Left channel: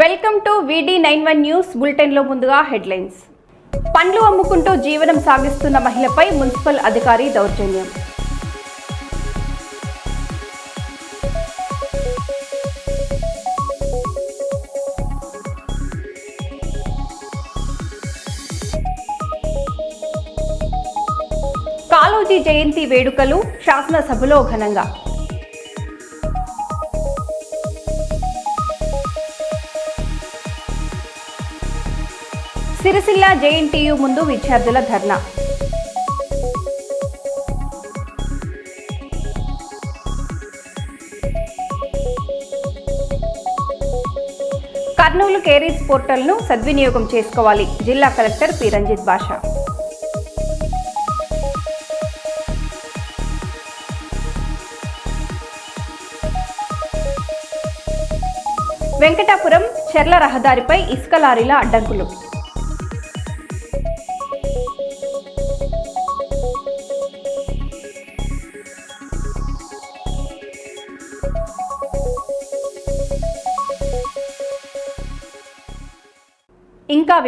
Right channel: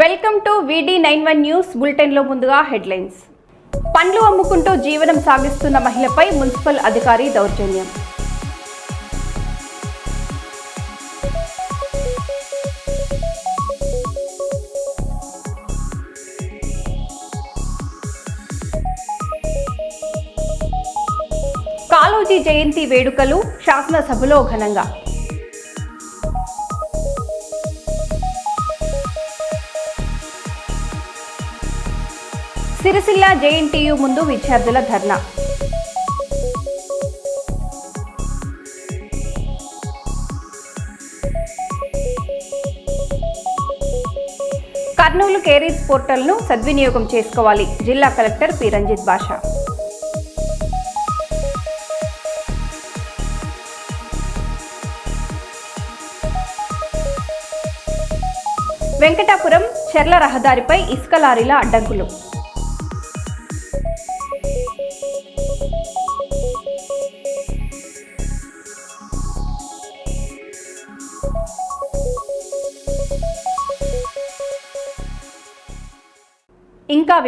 Welcome to V D nine one బులెటిన్లో ముందుగా headlines పండ్లు అమ్ముకుంటూ జీవనం సాగిస్తున్న మహిళపై మున్సిపల్ అధికారి దౌర్జన్యం. కాలోజీ జయంతి వేడుకలు శాసనసభలో ఘనంగా. సిరిసిల్ల జేఎన్టీయు ముందు విద్యార్థుల ధర్నా. కర్నూలు కేరీస్ పోర్టల్ను సద్వినియోగం చేసుకోవాలి. జిల్లా కలెక్టర్ పి. రంజిత్ భాష. వెంకటాపురం చెర్ల రహదారిపై ఇసుక లారీల అడ్డంకులు.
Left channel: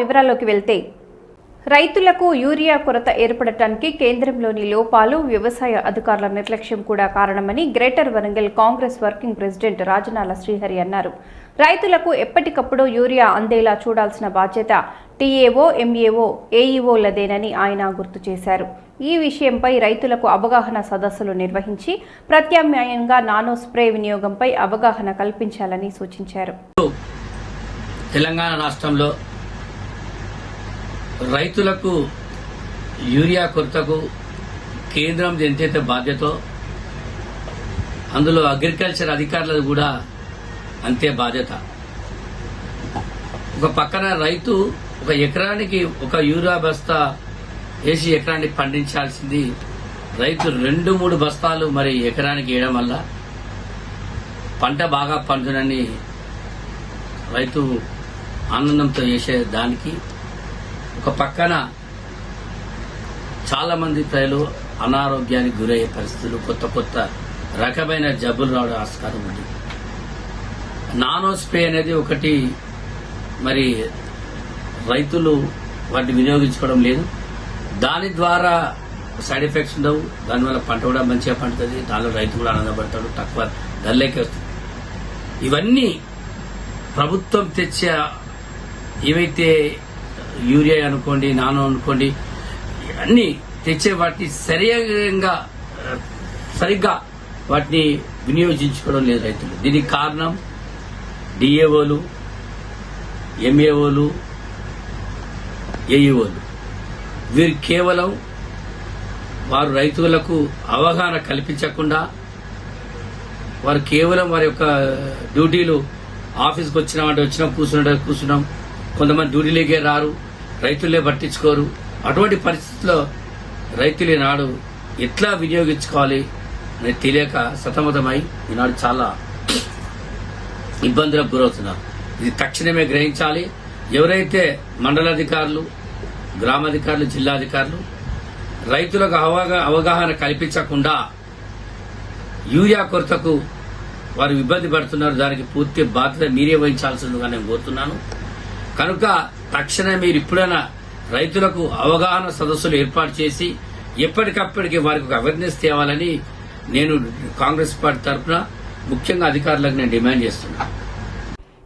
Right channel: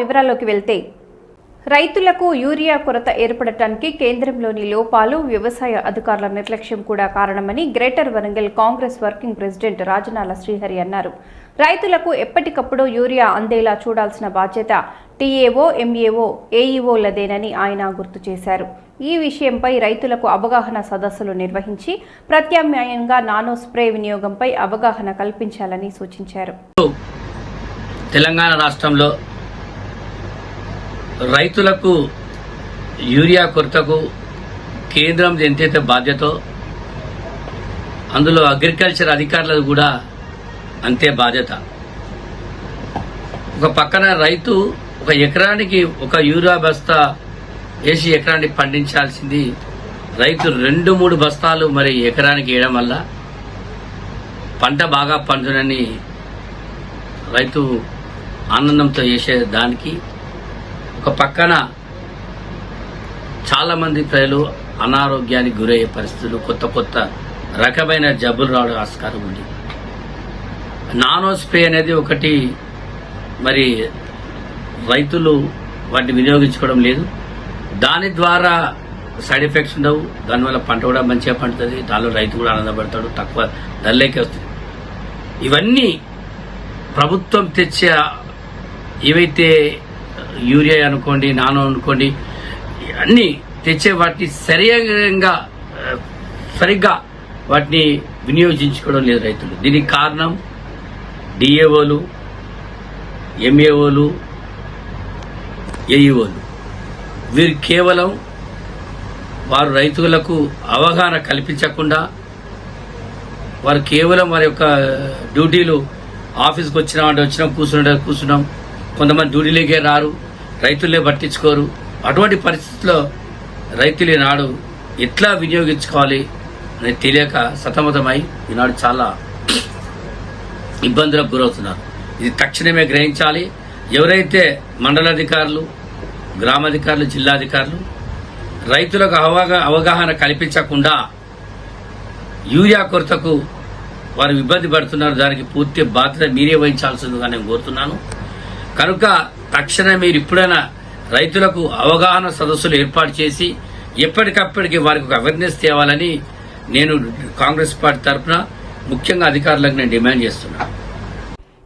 వివరాల్లోకి వెళ్తే రైతులకు యూరియా కొరత ఏర్పడటానికి కేంద్రంలోని లోపాలు వ్యవసాయ అధికారుల నిర్లక్ష్యం కూడా కారణమని greater Warangal Congress working president Rajanala Srihari అన్నారు. రైతులకు ఎప్పటికప్పుడు యూరియా అందేలా చూడాల్సిన బాధ్యత టీఏఓ ఎంఏఓ ఏఈఓలదేనని ఆయన గుర్తు చేశారు. ఈ విషయంపై రైతులకు అవగాహన సదస్సులు నిర్వహించి ప్రత్యామ్నాయంగా నానో స్ప్రే వినియోగంపై అవగాహన కల్పించాలని సూచించారు. తెలంగాణ రాష్ట్రంలో రైతులకు యూరియా కొరతకు కేంద్రం ఎంతైతే బాధ్యతో అందులో అగ్రికల్చర్ అధికారులకు కూడా అంతే బాధ్యత. ఒక పక్కన రైతు ఒక ఎకరానికి ఒక యూరియా బస్తా వేసి ఎకరానికి పండించాల్సింది రైతు రెండు మూడు బస్తాలు మరి ఎకరానికి వేయడం వల్ల పంట బాగా పండునని రైతు ఆనందంతో చేసే దానికి ఒక పక్కన చాలా మంది ప్రజలు అనారోగ్యానికి గురయ్యే పరిస్థితులు కొత్త కొత్త రకమైన జబ్బులు రావడం ఆస్కారం ఉంది. నానో స్ప్రే అనేది ఒకటి మరి రైతులు వాటిని వినియోగించుకోవడం లేదు. దాని ద్వారా సైడ్ ఎఫెక్ట్స్ ఉండవు. దానివల్ల పంట కూడా మంచిగా పండుతుంది. దానిలో రైతు కూడా ఆనందపడతాడు. తక్కువ ధరలేకే వస్తుంది. ఇవన్నీ ప్రభుత్వం తెచ్చే ఏవైతే యూరియా అనుకోండి నానో అనుకోండి అన్ని తెచ్చే వాటిని సరిగా సరిగ్గా వాటిని వినియోగించుకోవడం లేదు రైతులు. దీనికి కారణం డిఏఓలు ఎంఏఓలు ఏఈఓలు. వీరు కేవలం వారు రైతులకు అవగాహన కల్పించకుండా వారు కేవలం వారి యొక్క డ్యూటీలు ఆఫీస్కి వచ్చినామంటే వచ్చినాం కూర్చున్నాం కూర్చున్నాం కొంతమంది డ్యూటీలకే రారు రైతులే పట్టించుకోరు. అటువంటి పరిస్థితుల్లో రైతులు ఈనాడు ఎట్లా వినియోగించుకోవాలి అనేది తెలియక సతమతమై ఈనాడు చాలా ఇబ్బందులకు గురవుతున్నారు. ఇది తక్షణమే గ్రహించాలి. ఎవరైతే మండలాధికారులు గ్రామాధికారులు జిల్లాధికారులు రైతులకు అవగా- అవగాహన కల్పించకుండా యూరియా కొరతకు వారు ఇబ్బంది పడుతున్నారు దానికి పూర్తి బాధ్యత మీరే వహించాల్సిందిగా నేను కోరుతున్నాను. కనుక తక్షణమే మీరు ఇప్పుడైనా రైతులకు అవగాహన సదస్సులు ఏర్పాటు చేసి ఎప్పటికప్పటికి వారికి ఒక అవేర్నెస్ తేవాలని నేను కాంగ్రెస్ పార్టీ తరఫున ముఖ్యంగా అధికారులకు నేను డిమాండ్ చేస్తున్నాను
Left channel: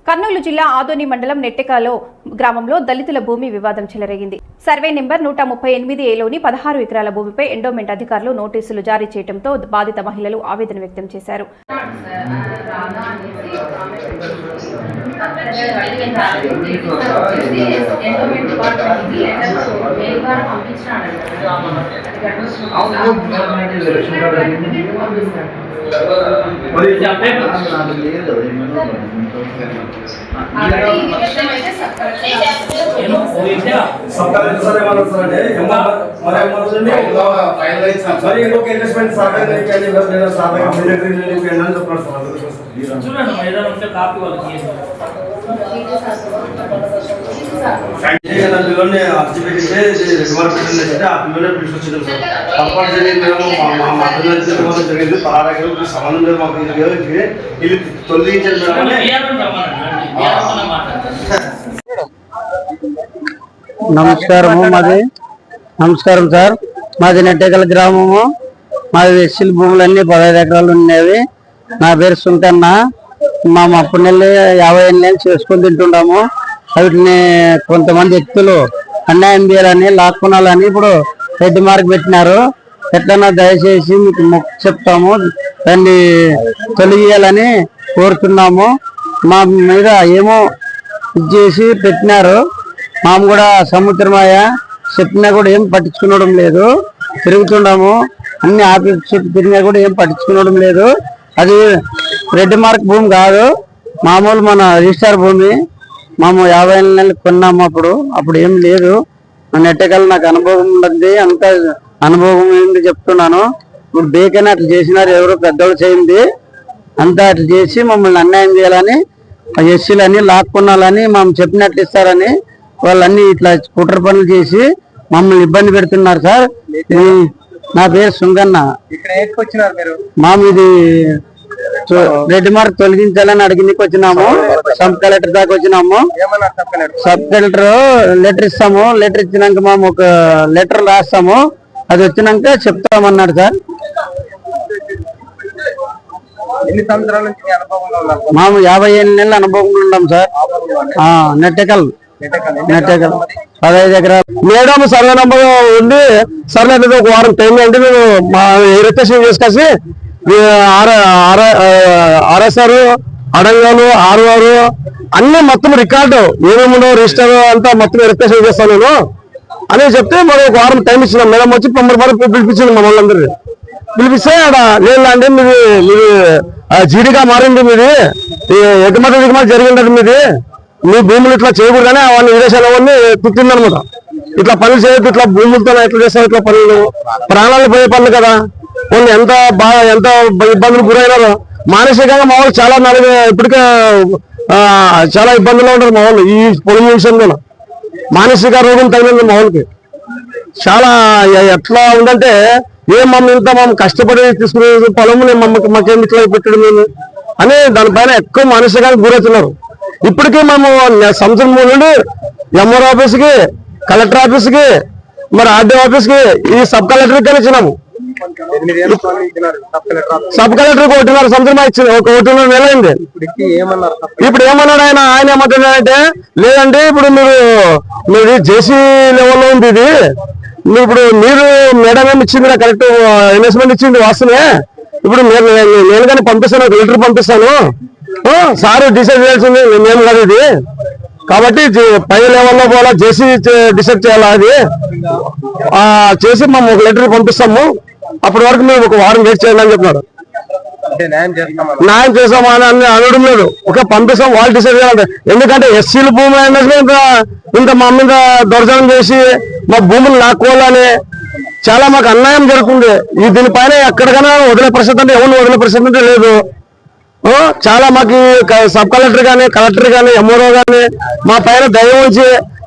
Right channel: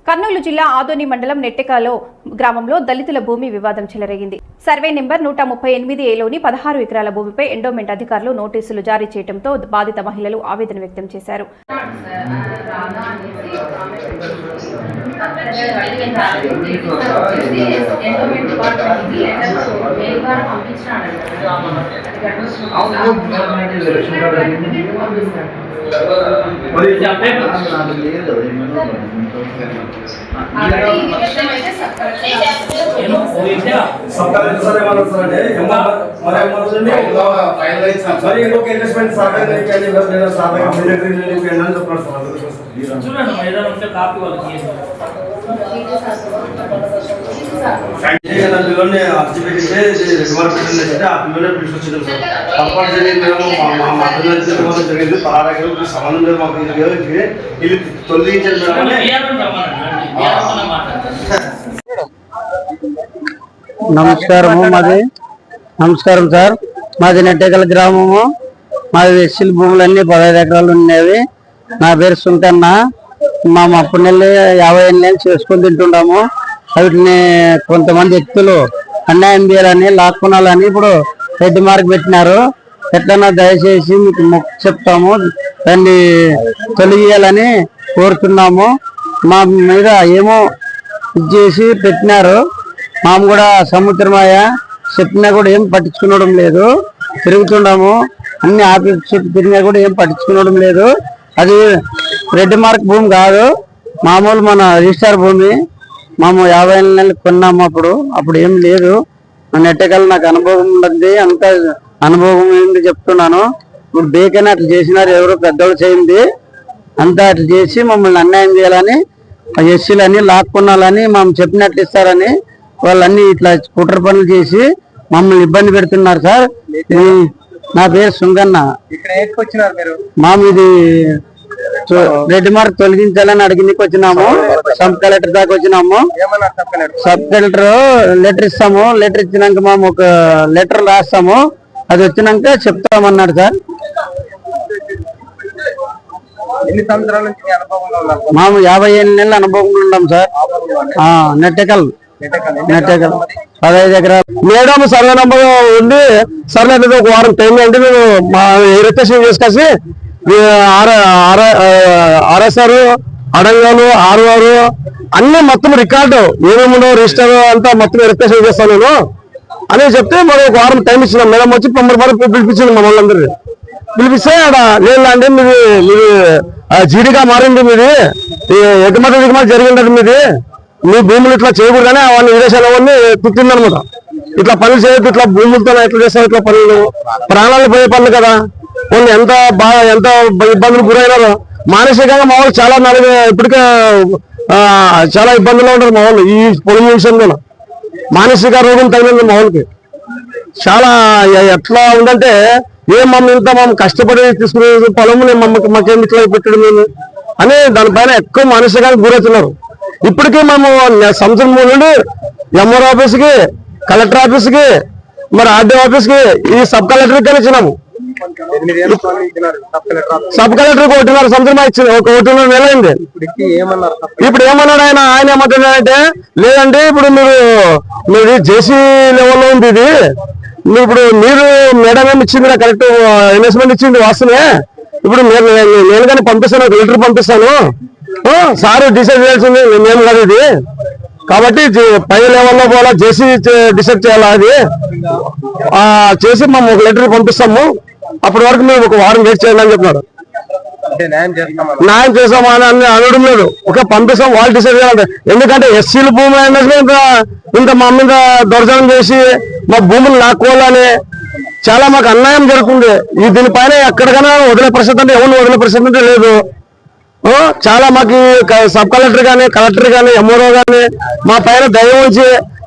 కర్నూలు జిల్లా ఆదోని మండలం నెట్టెకాలో గ్రామంలో దళితుల భూమి వివాదం చెలరేగింది. సర్వే నెంబర్ నూట ముప్పై ఎనిమిది ఏలోని పదహారు ఎకరాల భూమిపై ఎండోమెంట్ అధికారులు నోటీసులు జారీ చేయడంతో బాధిత మహిళలు ఆవేదన వ్యక్తం చేశారు. లేదు ఏమన్నారు సార్ అంటే ఎంఆర్ మరి ఏమవుతుంది మరి ఇంకొక ఇన్వెస్ట్మెంట్ సాధన కానీ నేను సాధన మిలిటరీ నేను ఎండని చెప్తున్నాడు సార్ అందుకు సార్. చూడండి ఏదైనా ఉంటే కాపీ వాళ్ళకి ఇవ్వండి. ఏ నా పిల్లల్ని అర్జీ పెట్టింటే రివర్స్ పెట్టిందంటే ఆ పిల్లలే పిలిచి వచ్చింది సార్ తప్పనిసరి మేము మా మా మా పిల్లలు తెలియడం జరిగింది పలానా సంబంధం లేదు మాకు ఇది లేదు. ఇది తొలగించారు చూడండి, మేడం నమస్కారము మాది నమస్కారం సార్. మాది నెట్టెకల్ గ్రామము. మాది ఎస్సీల భూములన్నీ పదహైదు ఎకరాలు ఉండేవి నా పేరు సుంకన్న మా మా నెల యాభై ఎనిమిది చేసుకొని తింటుంటాము. వాటిని కొంతమంది వ్యక్తులు అన్యాయం చేయాలని లాక్కునాలని ఇప్పుడు రెడ్డి మార్క్ పెట్టినారు. ఎట్లన్నా దయచేసి మీకు మొక్కు చెప్తాము. దాన్ని తొలగియాలని కోరుతున్నాము. మా మీద ఏమో ఇచ్చేసి చేసి పెట్టినారు. మాము కూడా సముద్రమాయ చెప్పినా కూడా ఏం పట్టించుకోవడం లేదు. తిరుగుతున్నాము అన్ని ఆఫీస్ చుట్టూ తిరిగినా కూడా ఏం పట్టించుకోవడం లేదు. అది రెడ్ మార్క్ భూమి కాదు. మామూలు మన రిజిస్టార్ భూమి. మేము యాభై నెలలు కొన్నాము అప్పుడు. అప్పుడు ఏం లేదు. నెట్టకల్ నాకు అనుభవం ఉంది అంత అనుభవం ఏంటి చెప్తున్నాను. ఇప్పుడు బేకని అట్లా చేసినారు. ఎవరో పెద్దోళ్ళు చేయింది. అంతా అట్లా చేసి మమ్మల్ని అన్యాయం చేయాలని ఎస్సీలని లాక్కున్నాలని మేము చెప్పినట్లు ఇస్తారని వాళ్ళన్నీ ఇట్లా కుట్ర పనులు చేసి మమ్మల్ని ఇబ్బంది పెడుతున్నారు సార్. నా పేరు సుంగన్న. ఇక్కడ ఎక్కడికి మీరు? మాము ఇది రెడ్ మార్క్ తొలగించాలని అడిగిందికి వచ్చినాము. సబ్ కలెక్టర్ దాకా వచ్చినాము. Sub collector? లెటర్ ఇస్తాము. లెటర్ ఇచ్చినాక మేము ఒక లెటర్ రాస్తాము. అది వచ్చినాక చెప్తామన్నాడు సార్. అనుభవంలో మాము యాభై ఏళ్ళ నెలల అనుభవం ఉన్నాం సార్. నెట్టెకల్. నెట్టెకల్ పదహైదు ఎకరాలు. మేడం సర్వే నంబర్ ఉండి సర్లే అనేది ఒక వారం టైం అంటే మేము మా రిజిస్ట్రేషన్ చేసుకొచ్చి ఆర్ఎస్ఆర్ అడంగాలు ఆర్ఆర్ అన్ని మొత్తం రికార్డు. ఏమేమి రిజిస్టర్ అంతా మొత్తం రిజిస్ట్రేషన్ చేస్తాను నేను. అని చెప్తే మరి ఒక వారం టైం ఇచ్చినాం. మేడం వచ్చి పంపడి వరకు పిలిపించింది మమ్మల్ని అందరినీ పిలిపిస్తే ఆడ లేదండి మీది మీది జీడిగా మారింది మీది. ఎగుమతి దిగుమతి జరిగింది మీది. మీ భూములు ఇట్లా చేయకూడదని అవన్నీ విదేశాల వాళ్ళని పుట్టిందనమాట ఇట్లా పనులు చేయొద్దు ఇట్లా భూములతో ఎట్లా చేస్తారు ఇట్లా పనులు? ప్రాణాలు పోయే పనులు కదా. వాళ్ళు ఎంత బాగా ఎంత ఇబ్బందులు గురైనారో. మానసికంగా మా వాళ్ళు చాలా నలుగు ఇప్పటికే చాలా ఇబ్బందుల్లో ఉంటారు మా వాళ్ళు ఈ పొలం విషయంలో. మానసిక రోగం తగిలింది మా వాళ్ళకి. చాలా ఎట్లా ఉందంటే ఏం మమ్మల్ని ఇంత మమ్మల్ని కష్టపడి తీసుకునే పొలముని మమ్మకి మాకేమి ఇట్లా పెట్టడం అని దానిపైన ఎక్కువ మానసికంగా గురవుతున్నారు. ఇప్పటికే మేము సంవత్సరం మూడు నుండి ఎంఆర్ ఆఫీస్కి కలెక్టర్ ఆఫీస్కి మరి ఆర్డీ ఆఫీస్కి ఈ సబ్ కలెక్టర్కి ఇచ్చినాము సబ్ కలెక్టర్కి ఒకటిన్నర సంవత్సరం ఇచ్చింది ఒక ఒకటిన్నర నెల అయింది. ఇప్పుడు ఏమన్నాడు ఆయన? ఆయన ఏమంటున్నాడంటే లేదంటే ఇప్పుడు మీరు మీది జేసీ లెవెల్లో ఉంది ఇది. ఇప్పుడు మీరు మేడం ఏమి ఇచ్చింది కరెక్ట్ ఇన్వెస్ట్మెంట్ ఇచ్చింది వాస్తవే ఇప్పుడు నేను నేను- కానీ పంపిస్తాను ఒక లీటర్ పంపిస్తాను. సార్ డిసైడ్ చేయాల్సింది. మేము కాదు ఇది. కాబట్టి పై లెవెల్లో పోలా జేసీ డిసైడ్ చేయాలా అది? ఆ, చేసి మేము ఒక లెటర్ పంపిస్తాము. అప్పటి వరకు మేము ఒక వారం వెయిట్ చేయాలని చెప్పినాడు అంటే న్యాయం చేసామని అని అనడం లేదు. ఒక పంపిస్తాం వాళ్ళు డిసైడ్ చేయాలంటే. ఎందుకంటే ఎస్సీల భూములు అయినా ఇంత ఇంత మా మీద దొరజనం చేసి మా భూములు లాక్కోవాలని చాలా మాకు అన్యాయం జరుగుతుంది. ఈ దీనిపైన ఎక్కడికైనా వదిలే పరిస్థితి అంటే ఎవరు వదిలే పరిస్థితి అంటే లేదు. చాలా మాకు క- సబ్ కలెక్టర్ గానీ కలెక్టర్ గానీ ఎంఆర్ఓ గానీ మా పైన దయ ఉంచి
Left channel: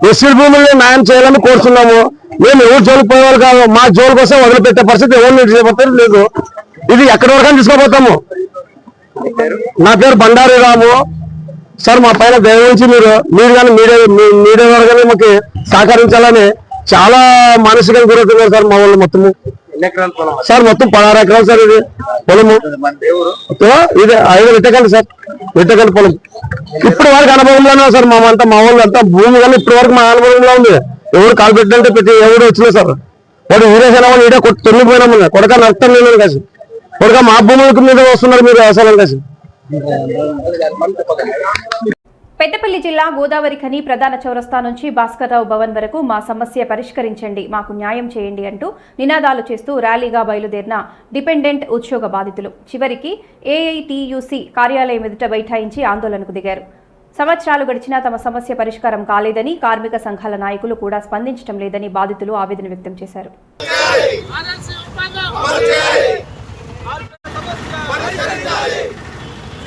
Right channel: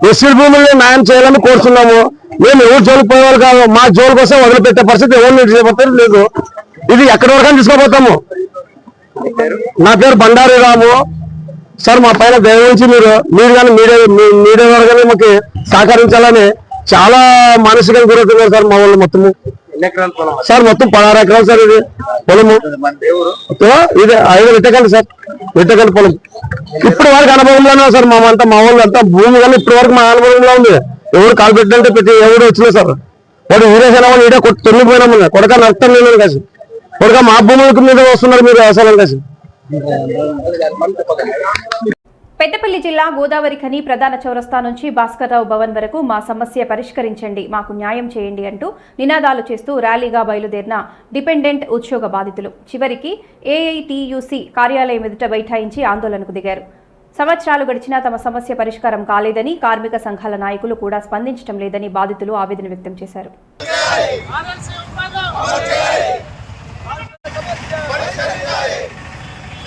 ఎస్సీ భూముల్ని న్యాయం చేయాలని కోరుతున్నాము. మేము ఎవరు జోలికి పోయేవాళ్ళు కాదు మా జోలు కోసం వదిలిపెట్టే పరిస్థితి ఎవరు చేయబోతారు లేదు. ఇది ఎక్కడి వరకు తీసుకోబోతాము నా పేరు బండారి రాము. సార్ మా పైన దయ ఉంచి మీరు మీరు కానీ మీడియా మీడియా వారు కానీ మాకు సహకరించాలని చాలా మానసికంగా గురవుతున్నారు సార్ మా వాళ్ళు మొత్తం సార్ మొత్తం పదహారు ఎకరాలు సార్ ఇది పొలము. ఇది ఐదు విట్టకండి సార్ విట్టకండి పొలం. ఇప్పుడు వరకు అనుభవంలోనే సార్ మా అంతా మా వాళ్ళు అంతా భూమి కానీ ఇప్పటి వరకు మా అనుభవంలో ఉంది. ఎవరు కాలు పెట్టినంటే ప్రతి ఎవరు వచ్చినా సార్. వాడు వీరేసిన వాళ్ళు ఈడే కొట్టి తొలిపోయినాము కొడక నష్టం లేదు కాసి కొడక మా భూములకు మీద వస్తున్నారు మీరు వ్యవసాయం కాసి పెద్దపల్లి జిల్లా గోదావరి ఖని ప్రధాన చౌరస్తా నుంచి భాస్కర్రావు భవన్ వరకు మా సమస్య పరిష్కరించండి మాకు న్యాయం చేయండి అంటూ నినాదాలు చేస్తూ ర్యాలీగా బయలుదేరిన డిపెండెంట్ ఉద్యోగ బాధితులు. చివరికి ఏఐటియుసి కార్యాలయం ఎదుట బైఠాయించి ఆందోళనకు దిగారు. సంవత్సరాలు గడిచినా తమ సమస్య పరిష్కారం కాలేదని కార్మిక సంఘాల నాయకులు కూడా స్పందించడం లేదని బాధితులు ఆవేదన వ్యక్తం చేశారు. వెంటనే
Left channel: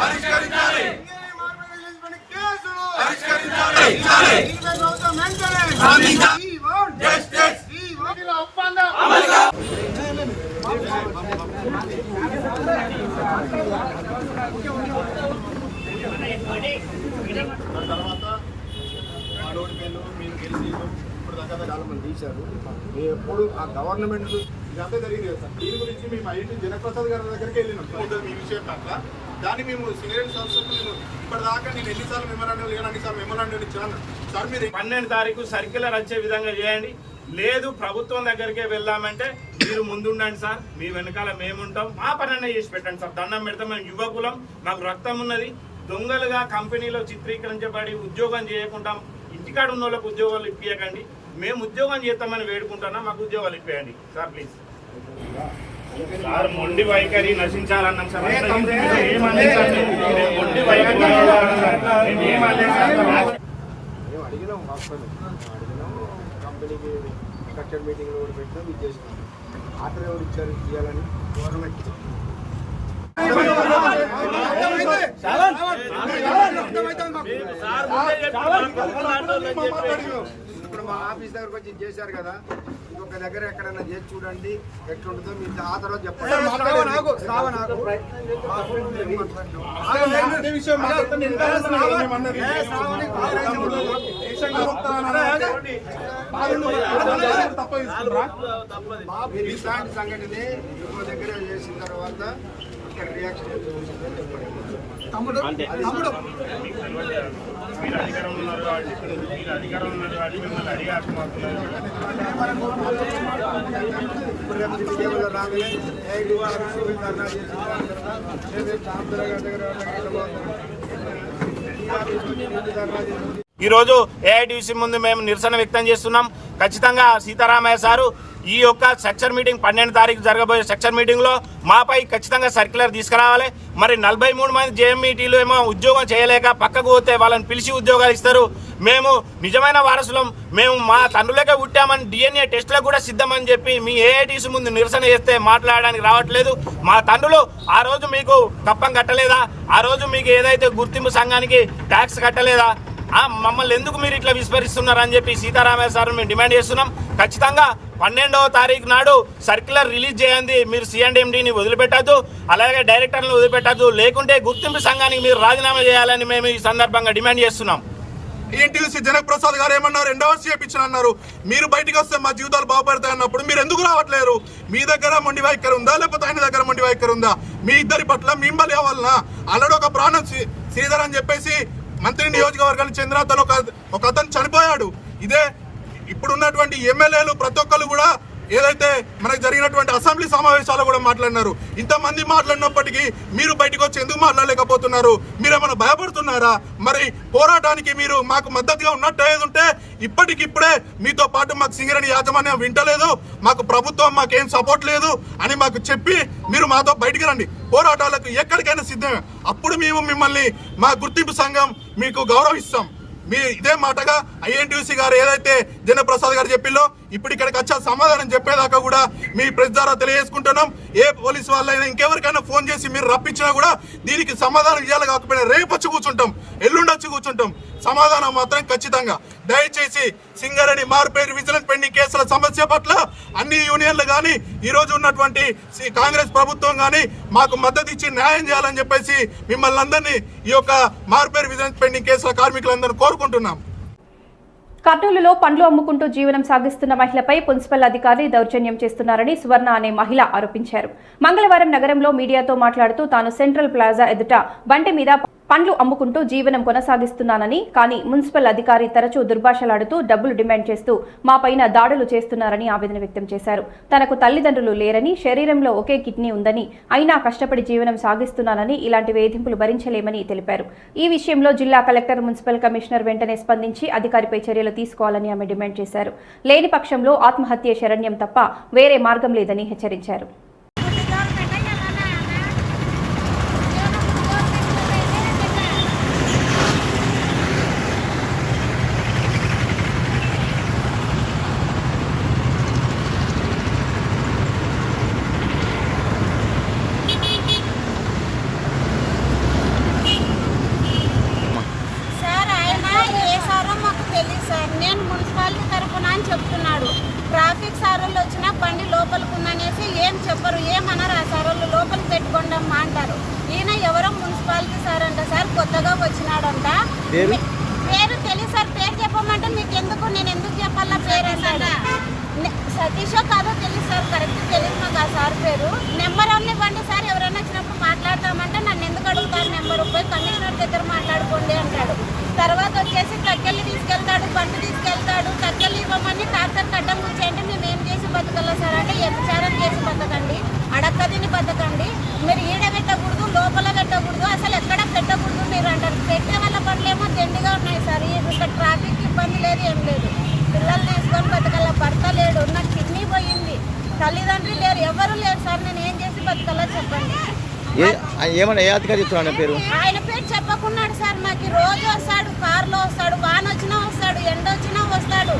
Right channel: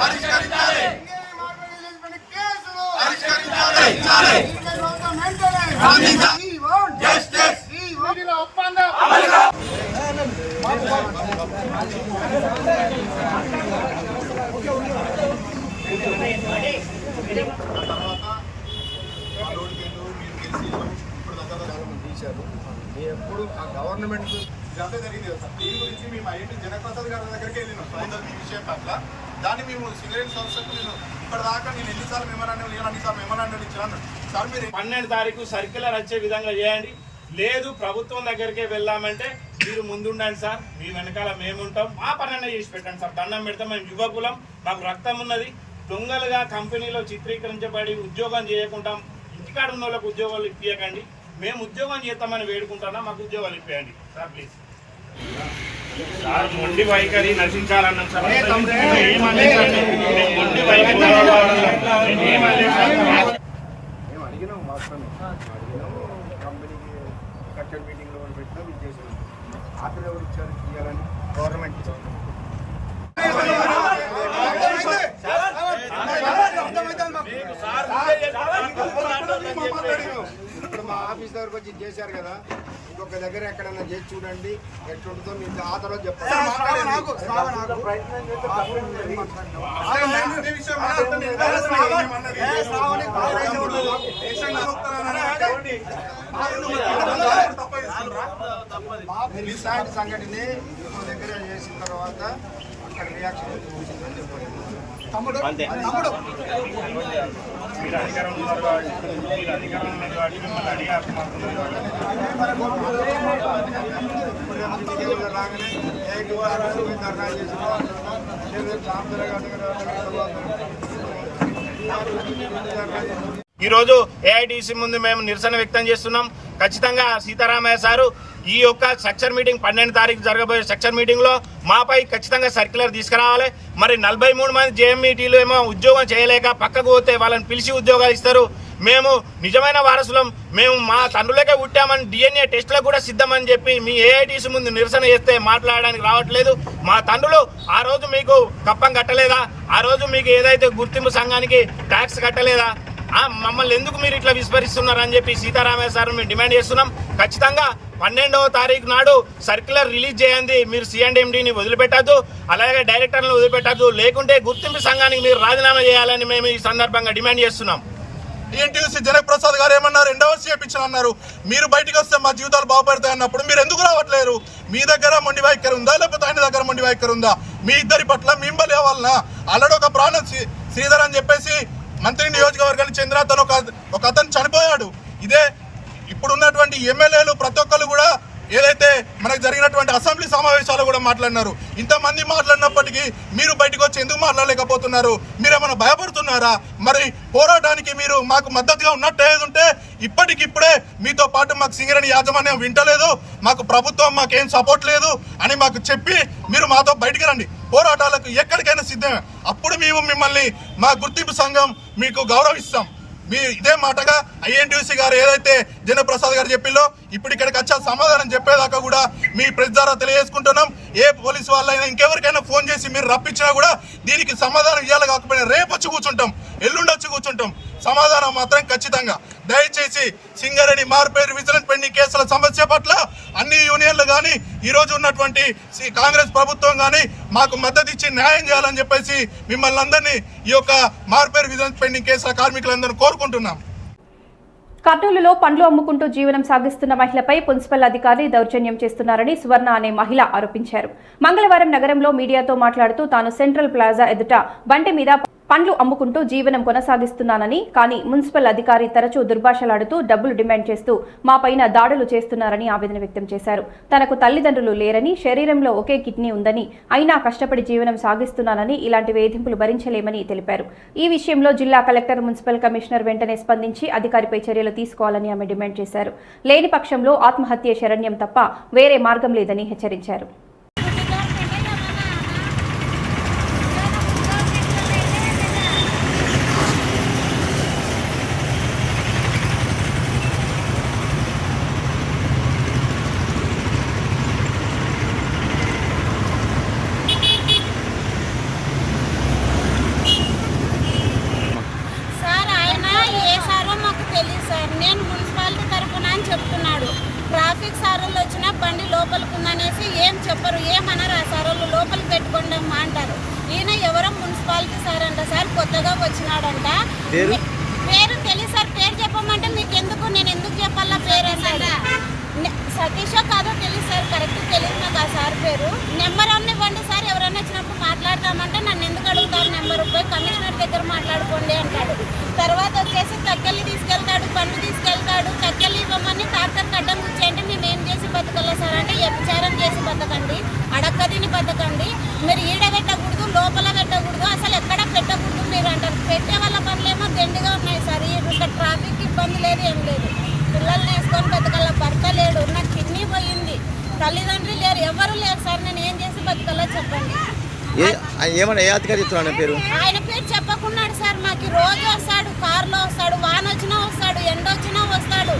పరిష్కరించాలి మా లోడ్ మేలు మీరు గెలిచి ఇప్పుడు దాకా చాలా మంది తీశారు మేము ఎప్పుడు ఆ గవర్నమెంట్ ఇదంతా జరిగింది కదా సార్ దీని గురించి మేము ఐటీ జనప్రసాద్ గారి దగ్గరికి మీ విషయం పట్ల. దాన్ని మేము సింగరేణి సంస్థకు నేను ఇప్పటిదాకా నేను ఎన్నిసార్లు మెమరాండం లేను అన్నిసార్లు మెమరాండం ఇచ్చాను సార్ మీరు పన్నెండు తారీఖు సర్క్యులర్ వచ్చే విధంగా చేయండి. లేదు ప్రభుత్వం దగ్గరికే వెళ్ళామంటే మీరు ముందుండండి సార్ మీ వెనకాల మేముంటాం. మా పనన్నా చేసి పెట్టండి సార్ దండం పెడతాం మేము యువకులం మాకు రక్తం ఉన్నది. దొంగలుగా కంపెనీలో చిత్రీకరించబడి ఉద్యోగం చేయకుండా ఇంటికాడ ఉన్న వాళ్ళకు ఉద్యోగాలు ఇప్పించకండి మేము ఉద్యోగం చేస్తామని వేడుకుంటున్నాం మాకు ఉద్యోగాలు ఇప్పియండి. సార్ ప్లీజ్ సార్ మొండి వైఖరి నశించాలన్నాం సార్ మేము మొండి వైఖరి. మేము అడిగినాం వాస్తవం. అడిగినాము కంపెనీకి స్ట్రక్చర్ మీటింగ్లో కూడా పెట్టినాం ఇది చేసినాం. ఆత్ర ఎవరు ఇచ్చారు ఇవ్వాలని గవర్నమెంట్ ఇప్పుడు మా ఆఫీస్ దగ్గరకు వచ్చి ఇది చేశారు కదా. ఇంకొక దగ్గర ఎక్కడైనా చేసి చూడండి ఎట్లుంటుందో మీకు ఆ తర్వాత చెప్పండి ఇలాంటి సంఘటనే ఇంకో దగ్గర చేసిన తర్వాత అక్కడ రియాక్షన్ ఉంటుందని చెప్పండి తమ్ముడు తమ్ముడు మీరు అధికారం ఉన్నారు కాబట్టి మీరు అధికారం ఉన్నారు కాబట్టి మిమ్మల్ని అడిగి ఆత్మహత్య ఇప్పుడు రేపు విజయవాడ రాగానే ధర్నా చేసిన రేపు దగ్గర ధర్నా ఈరోజు ఏఐటీసీ ముందు మేము నిరసన వ్యక్తం చేస్తున్నాం. ఖచ్చితంగా సీతారామయ్య సారు ఈ యొక్క సెక్షన్ మీటింగ్ పన్నెండు తారీఖు జరగబోయే సెక్షన్ మీటింగ్లో మాపై ఖచ్చితంగా సర్క్యులర్ తీసుకురావాలి. మరి నలభై మూడు మంది జేఎంఈటీలు ఏమో ఉద్యోగం చేయలేక పక్కకు పోతే వాళ్ళని పిలిచి ఉద్యోగాలు ఇస్తారు. మేము నిజమైన వారసులం. మేము మా తండ్రులకే పుట్టామని డిఎన్ఏ టెస్ట్లకు కూడా సిద్ధమని చెప్పి మీ ఏఐటీసీ ముందు నిరసన చేస్తే మాట్లాడడానికి రావట్లేదు. మా తండ్రులు ఆ రోజు మీకు కప్పం కట్టలేదా? ఆ రోజు మీకు ఏదైతే గుర్తింపు సంఘానికి ట్యాక్స్ కట్టలేదా? మమ్మల్ని ఎందుకు మీరు ఇట్లా విస్మరిస్తున్నారు అని చెప్పి సీతారామయ్య సార్ మేము డిమాండ్ చేస్తున్నాం. ఖచ్చితంగా పన్నెండవ తారీఖు నాడు సర్క్యులర్ రిలీజ్ చేయండి. మీరు సిఎండిఎండిని వదిలిపెట్టద్దు అలాగే డైరెక్టర్లను వదిలిపెట్టద్దు. లేకుంటే గుర్తింపు సంఘానికి మీరు రాజీనామా చేయాలని మేము ఈ సందర్భంగా డిమాండ్ చేస్తున్నాం. ఏంటి జనక్ ప్రసాద్ గారు ఏమన్నారు? రెండవ చేపించిన అన్నారు. మీరు బయటికి వస్తే మా జీవితాలు బాగుపడతాయి అన్నప్పుడు మీరు ఎందుకు రావట్లేరు? మీ దగ్గర మొండి వైఖరి ఉందా? లేకపోతే ఆయన దగ్గర మొండి వైఖరి ఉందా? మీ ఇద్దరి పట్ల మిమ్మల్ని అవ్వాలనా? ఆల్రెడీ ఒక ప్రాణం శ్రీధర్ అని చెప్పేసి మంత్రి నియోజకవర్గానికి చెందిన అతను ఒక అతను చనిపోయాడు. ఇదే ఇప్పుడున్నటువంటి ఎమ్మెల్యేలు ప్రతి ఒక్కరు కూడా ఏదైతే మనకు జరిగినటువంటి అసెంబ్లీ సమావేశాలు కూడా మాట్లాడినారు ఇంతమంది మాట్లాడినప్పటికీ మీరు బయటకు వచ్చి ఎందుకు మాట్లాడలేకపోతున్నారు? మీరేమైనా భయపడుతున్నారా? మరి పోరాటానికి మీరు మాకు మద్దతుగా ఉన్నట్టు ఏది ఉంటే ఇప్పటికిప్పుడే మీతో పాటు మాకు సింగరేణి యాజమాన్యం వింటలేదు మాకు ప్రభుత్వం మాకేం సపోర్ట్ లేదు అని మాకు చెప్పి మీరు మాతో బయటికి రండి. పోరాటాలకు ఎక్కడికైనా సిద్ధమే. అప్పుడు మేము మిమ్మల్ని మా గుర్తింపు సంఘం మీకు గౌరవిస్తాం. మీ ఇదే మాటగా ఐఎన్టీసీ గారు ఏదైతే జనప్రసాద్ గారు చెప్పిల్లో ఇప్పుడు ఇక్కడికి వచ్చా సమాధానం చెప్పేదాకా కూడా మీ ప్రెస్ ద్వారా తెలియజేసుకుంటున్నాం. ఏ పోలీస్ వాళ్ళైనా ఇంకెవరికైనా ఫోన్ చేసి మీరు రప్పించినా కూడా దీనికి సమాధానం ఇవ్వాలి కాకపోయినా రేపు వచ్చి కూర్చుంటాం ఎల్లుండి వచ్చి కూర్చుంటాం. సమాధానం మాత్రం ఖచ్చితంగా. దయచేసి సింగరేణి మార్పేరు విజిలెన్స్ పెండింగ్ కేసుల సమస్య పట్ల అన్ని యూనియన్లు కానీ ఈరోజు ఉన్నటువంటి సి- కాంగ్రెస్ ప్రభుత్వం కానీ మాకు మద్దతు ఇచ్చి న్యాయం చేయాలని చెప్పేసి మిమ్మల్ని అందరినీ ఈ యొక్క మార్పేరు విజిలెన్స్ పెండింగ్ కేసుల కార్మికులందరినీ కోరుకుంటున్నాం. కర్నూలులో పండ్లు అమ్ముకుంటూ జీవనం సాగిస్తున్న మహిళపై మున్సిపల్ అధికారి దౌర్జన్యం చేస్తున్నారని సువర్ణ అనే మహిళ ఆరోపించారు. మంగళవారం నగరంలో మీడియాతో మాట్లాడుతూ తాను సెంట్రల్ ప్లాజా ఎదుట బండి మీద పండ్లు అమ్ముకుంటూ జీవనం కొనసాగిస్తున్నానని కానీ మున్సిపల్ అధికారి తరచూ దుర్భాషలాడుతూ డబ్బులు డిమాండ్ చేస్తూ మా పైన దాడులు చేస్తున్నారని ఆవేదన వ్యక్తం చేశారు. తనకు తల్లిదండ్రులు లేరని శరీరంలో ఒకే కిడ్నీ ఉందని అయినా కష్టపడి జీవనం సాగిస్తున్నానని ఇలాంటి వేధింపులు భరించలేమని తెలిపారు. ఈ విషయంలో జిల్లా కలెక్టర్ మున్సిపల్ కమిషనర్ వెంటనే స్పందించి అధికారిపై చర్యలు తీసుకోవాలని ఆమె డిమాండ్ చేశారు. లేని పక్షంలో ఆత్మహత్య శరణ్యం తప్ప వేరే మార్గం లేదని హెచ్చరించారు సార్ ఆయన ఏ సారో మాకు చెప్తున్నాడు ట్రాఫిక్ సారోళ్ళు వచ్చినా బండి లోపలికి ఉందనేసి ఏం చెప్పరు ఏమన్నారు ఆ సారోళ్ళు లోపలికి పెట్టుకోండి అమ్మా అంటారు ఈయన ఎవరో మున్సిపాలిటీ సార్ అంట సార్ కొత్తగా వచ్చినాడంట పేరు? మీ- పేరు తెలియదు సార్ పేరు చెప్పమంటే మీకు ఎందుకు నేను ఎందుకు చెప్పాలా పేరు అన్నాడు నె- సతీషో కాదో తెలియదు సార్ కరెక్ట్ తెలియదు నాకు ఆ సార్ పేరు నెంబర్ అన్న ఇవ్వండి సార్ ఎవరైనా వచ్చినప్పుడు మాట్లాడతామంటే నన్ను ఎందుకు అడుగుతారు నెంబర్ పోయి కమిషనర్ దగ్గర మాట్లాడుకోండి అంటాడు తర్వాత వచ్చేసి తక్కెళ్ళి తీసుకెళ్తాడు బండి తీసుకెళ్తాడు తక్కెళ్ళి ఇవ్వమని ట్రాక్టర్ అడ్డం కూర్చేయంటే మేము ఏం చేసి బతకల్లా సార్ అంటే వ్యభిచారం చేసి బతకండి అడక్కదిని బతకండి మీరు ఈడ పెట్టకూడదు లోపల పెట్టకూడదు అసలు ఎక్కడ పెట్టకూడదు మీరు అంటారు పెట్టే వాళ్ళ పనులేమో దండిగా ఉన్నాయి సార్ ఈ- ఇక్కడ ట్రాఫిక్ ఇబ్బంది లేదు ఏం లేదు పిల్లల్ని వేసుకొని బతకల్లా భర్త లేడు నాకు కిడ్నీ పోయింది తల్లిదండ్రులు లేరు ఎవరు లేరు సార్ నేను ఏం చేసి బతకల్లా చెప్పండి ఏ ఏమన్నా ఏ అధికారి చెప్తున్నాడు పేరు? ఆయన పేరు చెప్పకున్నాడు సార్ మాకు. రోజు వస్తాడు కారులో వస్తాడు వాన వచ్చినా వస్తాడు ఎండ వచ్చినా వస్తాడు.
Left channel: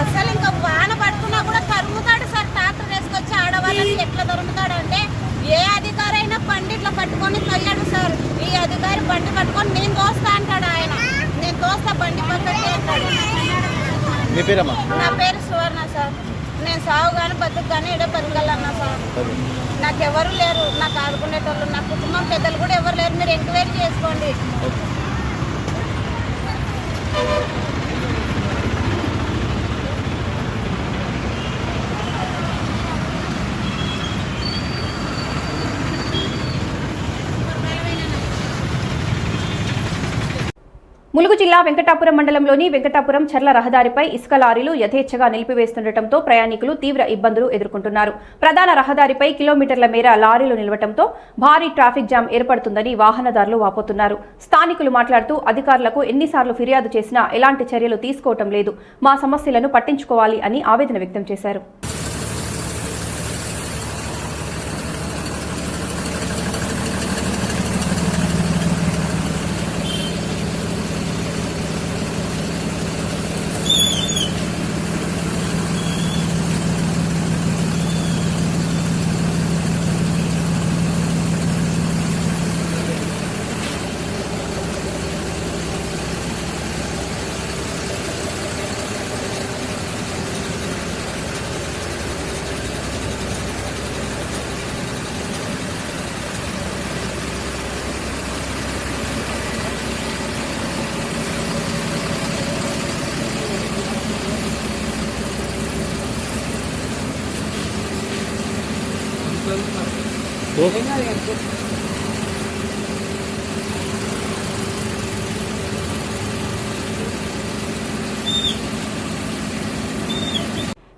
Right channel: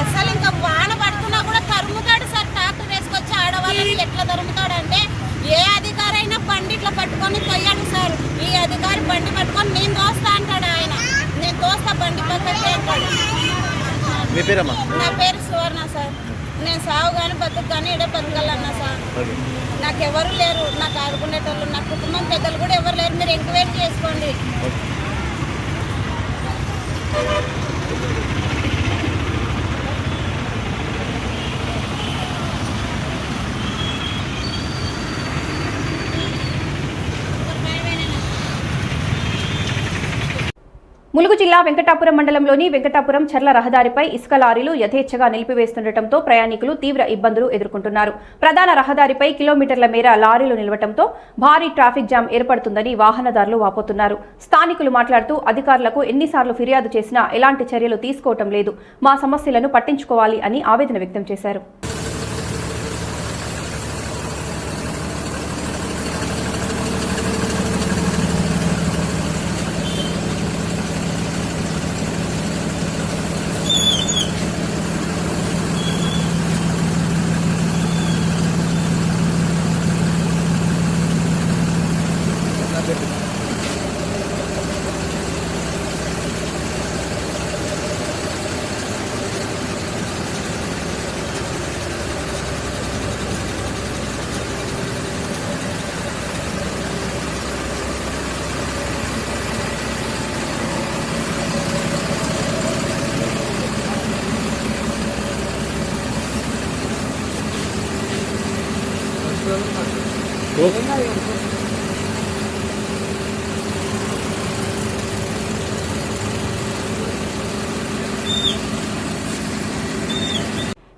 అసలు ఇంకా వాన పడుతున్నా కూడా తరుముతాడు సార్. ట్రాక్టర్ వేసుకొచ్చి ఆడవాళ్ళని ఎట్లా తరుముతాడు అంటే ఏ అధికారి అయినా బండి ఇట్లా పట్టుకొని తొయ్యాడు సార్. ఈ అధికారి బండి పట్టుకొని నేను తోస్తా అంటాడు ఆయన. నేను తోస్తా బండి పక్కకి అంటాడు. మీ పేరమ్మా? నా పేరు సువర్ణ సార్. నేను సాగు కానీ బతుకు కానీ ఇడే బతకాలన్నా సార్ నాకు ఎవరు లేరు. నాకు ఆదుకునేటోళ్ళు నా కుటుంబం పెద్దలు కూడా ఎవరు లేరు. మీరు ఎంక్వైరీ చేసుకోండి. ములుగు జిల్లా వెంకటాపురం మండలంలోని వెంకటాపురం చర్ల రహదారిపై ఇసుక లారీలు యథేచ్ఛగా నిలిపివేస్తుండటంతో ప్రయాణికులు తీవ్ర ఇబ్బందులు ఎదుర్కొంటున్నారు. ప్రధాన రహదారిపై కిలోమీటర్ల మేర లారీలు నిలవటంతో భారీ ట్రాఫిక్ జామ్ ఏర్పడుతుందని వాహనదారులు వాపోతున్నారు. స్థానికులు మాట్లాడుతూ అధికారులకు ఎన్నిసార్లు ఫిర్యాదు చేసినా ఎలాంటి చర్యలు తీసుకోవటం లేదు. మా సమస్యలను పట్టించుకోవాలి అని ఆవేదన వ్యక్తం చేశారు.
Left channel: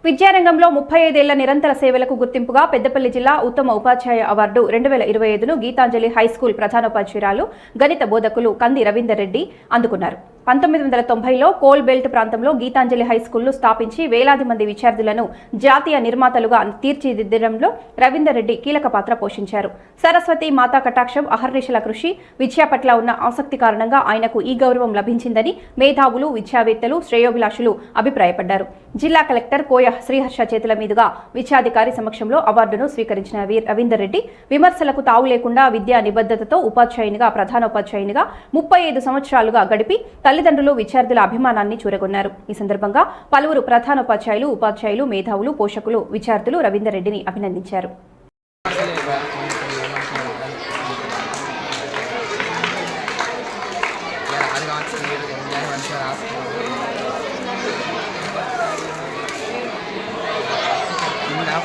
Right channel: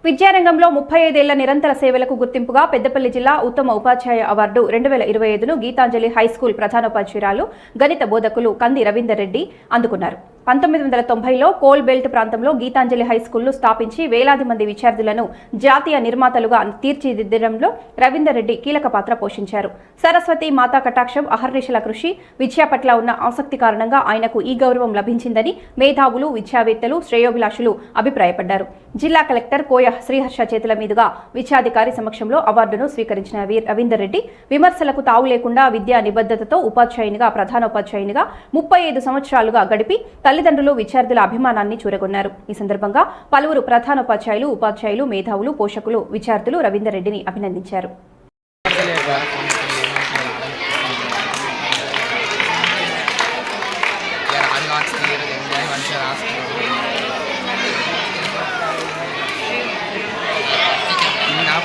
విద్యారంగంలో ముప్పై ఐదేళ్ళ నిరంతర సేవలకు గుర్తింపుగా పెద్దపల్లి జిల్లా ఉత్తమ ఉపాధ్యాయ అవార్డు రెండు వేల ఇరవై ఐదును గీతాంజలి హైస్కూల్ ప్రధానోపాధ్యాయురాలు గణిత బోధకులు కంది రవీందర్ రెడ్డి అందుకున్నారు. పంతొమ్మిది వందల తొంభైలో కోల్ బెల్ట్ ప్రాంతంలో గీతాంజలి హై స్కూల్ను స్థాపించి వేలాది మంది విద్యార్థులను జాతీయ నిర్మాతలుగా తీర్చిదిద్దడంలో రవీందర్ రెడ్డి కీలక పాత్ర పోషించారు. సరస్వతి మాతా కటాక్షం అహర్నిశల కృషి విద్య పట్ల ఉన్న ఆసక్తి కారణంగా ఆయనకు ఈ గౌరవం లభించిందని మేధావులు విద్యావేత్తలు శ్రేయోభిలాషులు అభిప్రాయపడ్డారు. జిల్లా కలెక్టర్ కోయ శ్రీహర్ష చేతుల మీదుగా విద్యాధికారి సమక్షంలో అవార్డును స్వీకరించిన వీ- రవీందర్ రెడ్డి విమర్శలకు తావు లేకుండా విద్యా నిబద్ధతతో ఉపాధ్యాయునిగా ప్రధానోపాధ్యాయునిగా ముప్పై ఐదు సంవత్సరాలుగా గడిపి తల్లిదండ్రులు విద్యార్థుల అభిమానాన్ని చూరగొన్నారు. ఈ సందర్భంగా పలువురు ప్రధానోపాధ్యాయులు ఉపాధ్యాయులు మేధావులు పోషకులు విద్యార్థులు రవీందర్ రెడ్డిని అభినందించారు.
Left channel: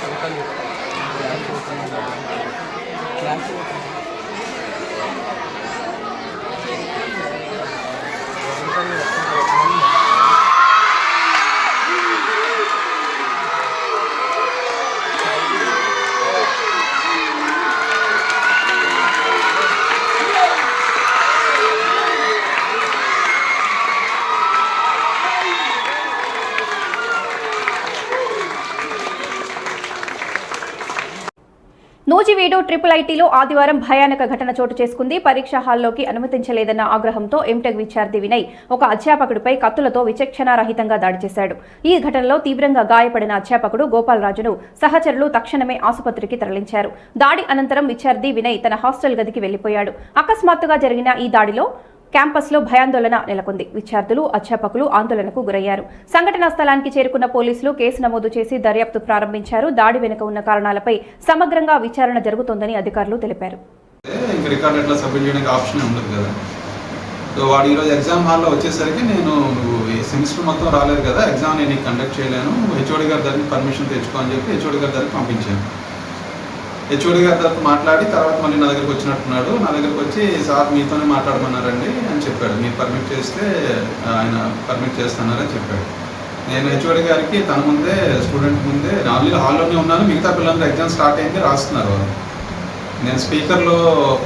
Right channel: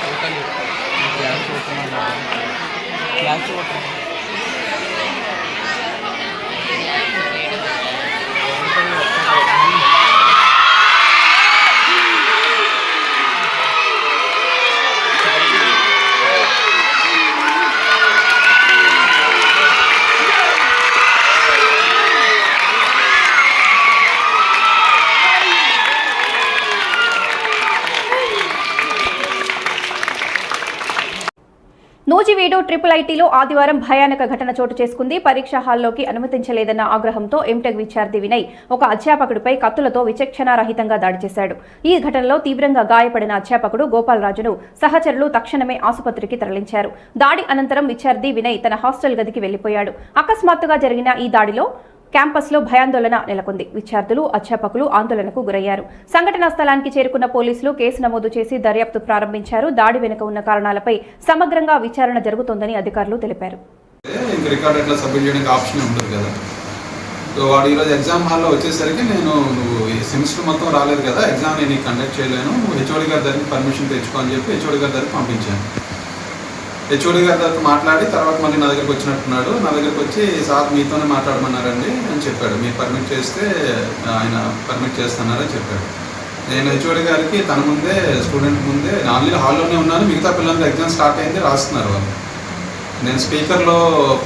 ఫోటోలు నూజివీడు ట్రిపుల్ ఐటీలో ఆదివారం భయానక ఘటన చోటు చేసుకుంది. పరీక్షా హాల్లోకి అనుమతించలేదన్న ఆగ్రహంతో ఎంటెక్ విద్యార్థి వినయ్ ఒక అధ్యాపకుడిపై కత్తులతో విచక్షణారహితంగా దాడి చేశాడు. ఈ ఘటనలో తీవ్రంగా గాయపడిన అధ్యాపకుడు గోపాలరాజును సహచరులు తక్షణమే ఆసుపత్రికి తరలించారు. దాడి అనంతరం విద్యార్థి వినయ్ తన హాస్టల్ గదికి వెళ్ళిపోయాడు అకస్మాత్తుగా జరిగిన ఈ దాడిలో క్యాంపస్లో భయాందోళన నెలకొంది. విద్యార్థులు అధ్యాపకులు ఆందోళనకు గురయ్యారు. సంఘటనా స్థలానికి చేరుకున్న పోలీసులు కేసు నమోదు చేసి దర్యాప్తు ప్రారంభించారు. దాడి వెనుక ఉన్న కారణాలపై సమగ్రంగా విచారణ జరుగుతోందని అధికారులు తెలిపారు. ఇంక రికార్డ్ ఎట్లా సబ్మిట్ చేయడానికి ఆప్షన్ ఉండదు కదా. సో వాడు ఈరోజు ఎగ్జామ్ హాల్లో వచ్చేసరికి నేను నువ్వు ఈ సెమిస్టర్ మొత్తం రాలేదు కదా ఎగ్జామ్ నేను కండక్ట్ చేయలేను. హెచ్ఓడి గారి దగ్గర పర్మిషన్ తెచ్చుకో అని చెప్పి హెచ్ఓడి గారి దగ్గర పంపించాను. హెచ్ఓడి గారి తర్వాత మాట్లాడి తర్వాత మళ్ళీ నా దగ్గరికి వచ్చినట్టున్నాడు. నా దగ్గరికి వచ్చి సార్ మీతోనే మాట్లాడమన్నారండి అని చెప్పాడు. మీరు పర్మిట్ చేస్తే ఆయన పర్మిట్ చేస్తున్నారని చెప్పాడు. నేను హెచ్ఓడి గారికి తన ముందే స్టూడెంట్ ముందే ఆల్రెడీ హాల్లోనే ఉన్నాను. మిగతా పిల్లలందరూ ఎగ్జామ్ స్టార్ట్ అయింది రాస్తున్నారు వాళ్ళు. నేను స్పీకర్లో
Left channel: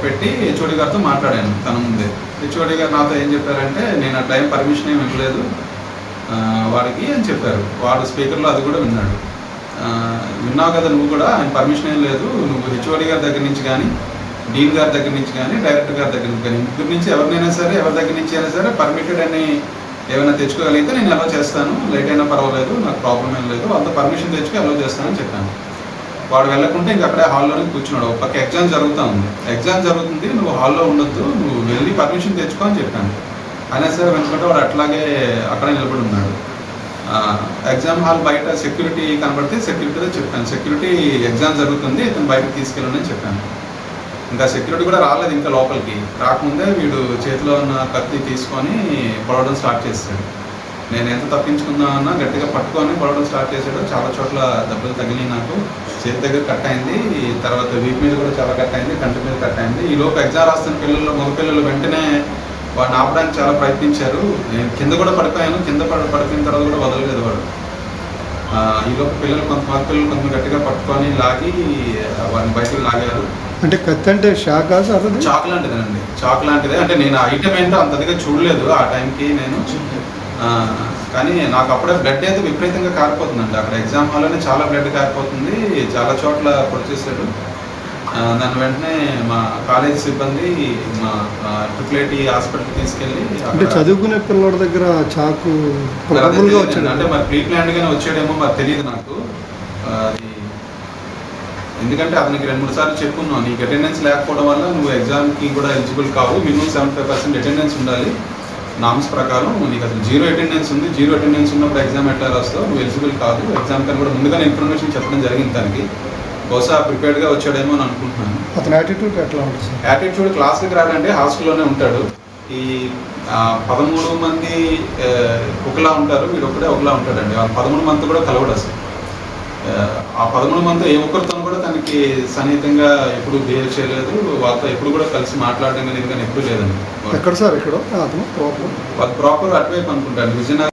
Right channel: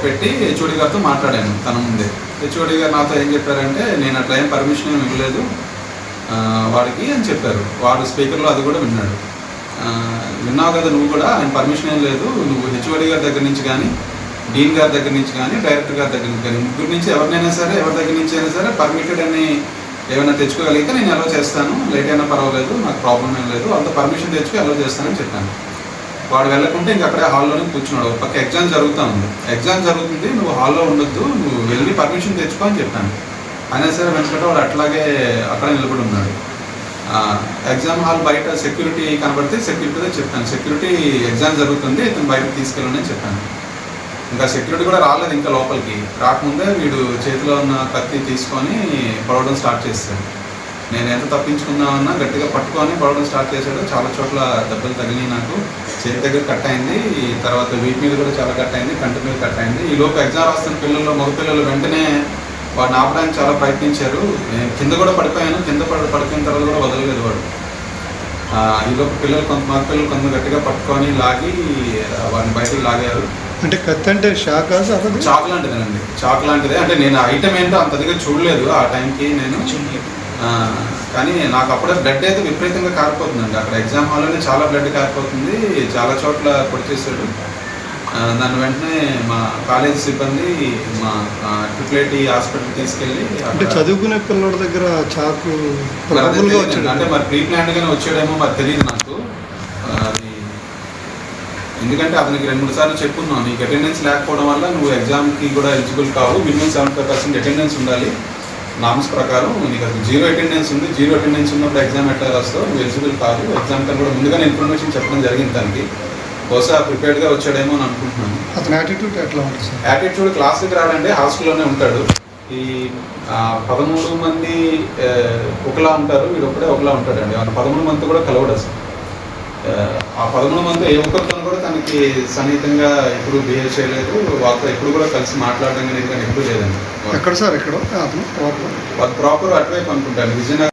పెట్టి హెచ్ఓడి గారితో మాట్లాడాను తన ముందే. హెచ్ఓడి గారు నాతో ఏం చెప్పారంటే నేను అట్లా ఏం పర్మిషన్ ఏమి ఇవ్వలేదు వాడికి అని చెప్పారు. వాడు స్పీకర్లో అది కూడా విన్నాడు. విన్నావు కదా నువ్వు కూడా? ఆయన పర్మిషన్ ఏం లేదు. నువ్వు హెచ్ఓడి గారి దగ్గర నుంచి కానీ డీన్ గారి దగ్గర నుంచి కానీ డైరెక్టర్ గారి దగ్గర నుంచి కానీ ముగ్గురు నుంచి ఎవరినైనా సరే ఎవరి దగ్గర నుంచి అయినా సరే పర్మిటెడ్ అని ఏమైనా తెచ్చుకోగలిగితే నేను అలో చేస్తాను. లేట్ అయినా పర్వాలేదు నాకు ప్రాబ్లం ఏం లేదు. అంత పర్మిషన్ తెచ్చుకో అలో చేస్తానని చెప్పాను. వాడు వెళ్ళకుంటే ఇంక అక్కడే హాల్లోనే కూర్చున్నాడు. ఒక పక్క ఎగ్జామ్ జరుగుతూ ఉంది. ఎగ్జామ్ జరుగుతుంది నువ్వు హాల్లో ఉండొద్దు నువ్వు వెళ్ళి పర్మిషన్ తెచ్చుకో అని చెప్పాను. అయినా సరే వెనుకంటే వాడు అట్లాగే అక్కడే నిలబడి ఉన్నాడు. ఎగ్జామ్ హాల్ బయట సెక్యూరిటీ కనబడితే సెక్యూరిటీతో చెప్పాను. సెక్యూరిటీ ఎగ్జామ్ జరుగుతుంది ఇతను బయటకు తీసుకెళ్ళండి చెప్పాను. ఇంకా సెక్యూరిటీ కూడా రాలేదు ఇంకా లోపలికి. రాకముందే వీడు చేతిలో ఉన్న కత్తి తీసుకొని పొడవడం స్టార్ట్ చేస్తాడు. నేను ఎంత తప్పించుకుందామన్నా గట్టిగా పట్టుకొని పొడవడం స్టార్ట్ చేశాడు చాలా చోట్ల దెబ్బలు తగిలినాయి నాకు. చేతి దగ్గర కట్ అయింది తర్వాత వీపు మీద కూడా చాలా కట్ అయింది కంటి మీద కట్ అయింది. ఈ లోపు ఎగ్జామ్ రాస్తున్న పిల్లలు మగ పిల్లలు వెంటనే వాడిని ఆపడానికి చాలా ప్రయత్నించారు. నేను కింద కూడా పడిపోయాను. కింద పడి పడిపోయిన తర్వాత కూడా వదలలేదు వాడు. ఆ, ఈ లోపు పిల్లలు కొంత మగ పిల్లలు కొంత గట్టిగా పట్టుకొని లాగి వాడిని బయటికి లాగారు. అంటే కత్తి అంటే షాక్ చాక్ లాంటిదేనండి. చాక్ లాంటిదే. అంటే నేను ఐటమ్ ఏంటో అంతదిగా చూడలేదు ఆ టైంకి నేను. ఆ, కానీ నాకు అప్పుడే బ్లడ్ అయితే విపరీతంగా కారిపోతుందండి. అక్కడ ఎగ్జామ్ హాల్లోనే చాలా బ్లడ్ కారిపోతుంది. చాలా చోట్ల పొడి చేశాడు నన్ను వెంటనే మా కాలేజ్ సిబ్బంది మా ట్రిపుల్ ఐటీ హాస్పిటల్ తీసుకెళ్ళి అంటే చదువుకునే పిల్లల దగ్గర చాకు. అంటే మరి ప్రీ ప్లాన్డ్ గానే వచ్చాడేమో మరి తెలియదు నాకు. అది ఎందుకంటే అతనికి రెండు మూడు సార్లు చెప్పున్నాను నీకు అటెండెన్స్ లేకపోవడం వల్ల నువ్వు ఎగ్జామ్కి కూడా ఎలిజిబుల్ కావు minimum seventy five percent attendance ఉండాలి. నామ్స్ ప్రకారం నీకు అసలు జీరో అటెండెన్స్ ఉంది జీరో అటెండెన్స్ ఉన్నప్పుడు ఎగ్జామ్ ఎట్లా రాస్తావు నువ్వు ఎలిజిబుల్ కాదు. ఎగ్జామ్ కన్నా కూడా ముందుగానే ఇన్ఫర్మేషన్ చెప్పడం జరిగింది దానికి బహుశా ప్రిపేర్డ్గా వచ్చాడేమో అని అనుకుంటున్నాను. అతని యాటిట్యూడ్ ఎట్లా ఉంటుంది సార్ యాటిట్యూడ్ క్లాస్కి రాడంటే హాస్టల్లోనే ఉంటాడు. ఈ పదమూడు మంది ఒకలా ఉంటారు వీడు ఒకడే ఒకలా ఉంటాడండి. ఆ పదమూడు మంది కూడా కలవడు అసలు. ఆ, పదమూడు మంది ఏ ఒక్కరితో కూడా తనకి సన్నిహితంగా ఎప్పుడు బిహేవ్ చేయలేదు. వాళ్ళతో ఎప్పుడు కూడా కలిసి మాట్లాడడం అనేది కానీ ఎప్పుడు లేదండి. ఎక్కడ సార్ ఎక్కడ? ప్రాపర్ అటువైపు అనుకుంటాను విజయనగరం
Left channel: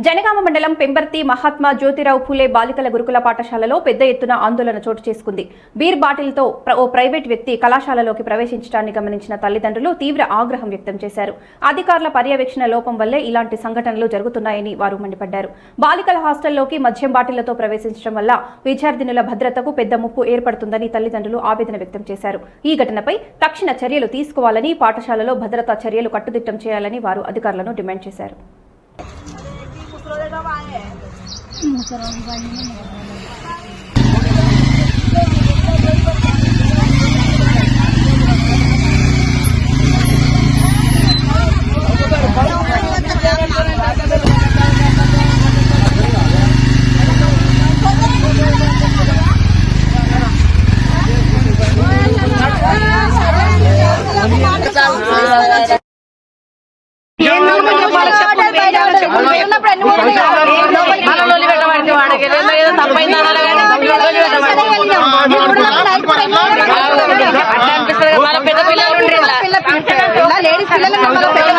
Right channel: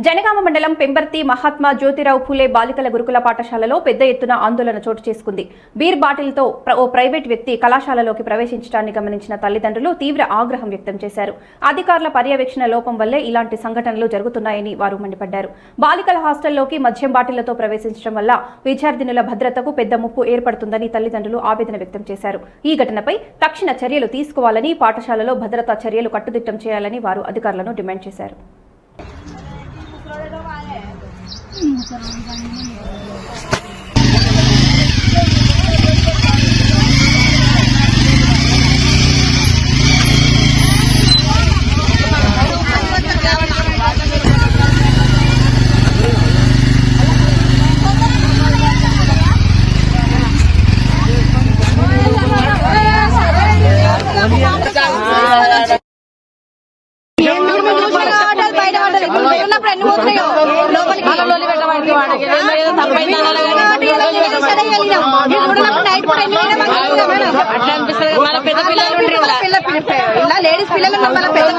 జనగామ మండలం పెంబర్తి మహాత్మా జ్యోతిరావు ఫూలే బాలికల గురుకుల పాఠశాలలో పెద్ద ఎత్తున ఆందోళన చోటు చేసుకుంది. బీర్ బాటిల్తో ప్ర- ఓ ప్రైవేట్ వ్యక్తి కళాశాలలోకి ప్రవేశించడాన్ని గమనించిన తల్లిదండ్రులు తీవ్ర ఆగ్రహం వ్యక్తం చేశారు. అధికారుల పర్యవేక్షణ లోపం వల్లే ఇలాంటి సంఘటనలు జరుగుతున్నాయని వారు మండిపడ్డారు. బాలికల హాస్టల్లోకి మద్యం బాటిళ్ళతో ప్రవేశించడం వల్ల విద్యార్థినుల భద్రతకు పెద్ద ముప్పు ఏర్పడుతుందని తల్లిదండ్రులు ఆవేదన వ్యక్తం చేశారు. ఈ ఘటనపై తక్షణ చర్యలు తీసుకోవాలని పాఠశాలలో భద్రతా చర్యలు కట్టుదిట్టం చేయాలని వారు అధికారులను డిమాండ్ చేశారు. Jangan lupa లేడీస్ పిల్లలు మన పెద్ద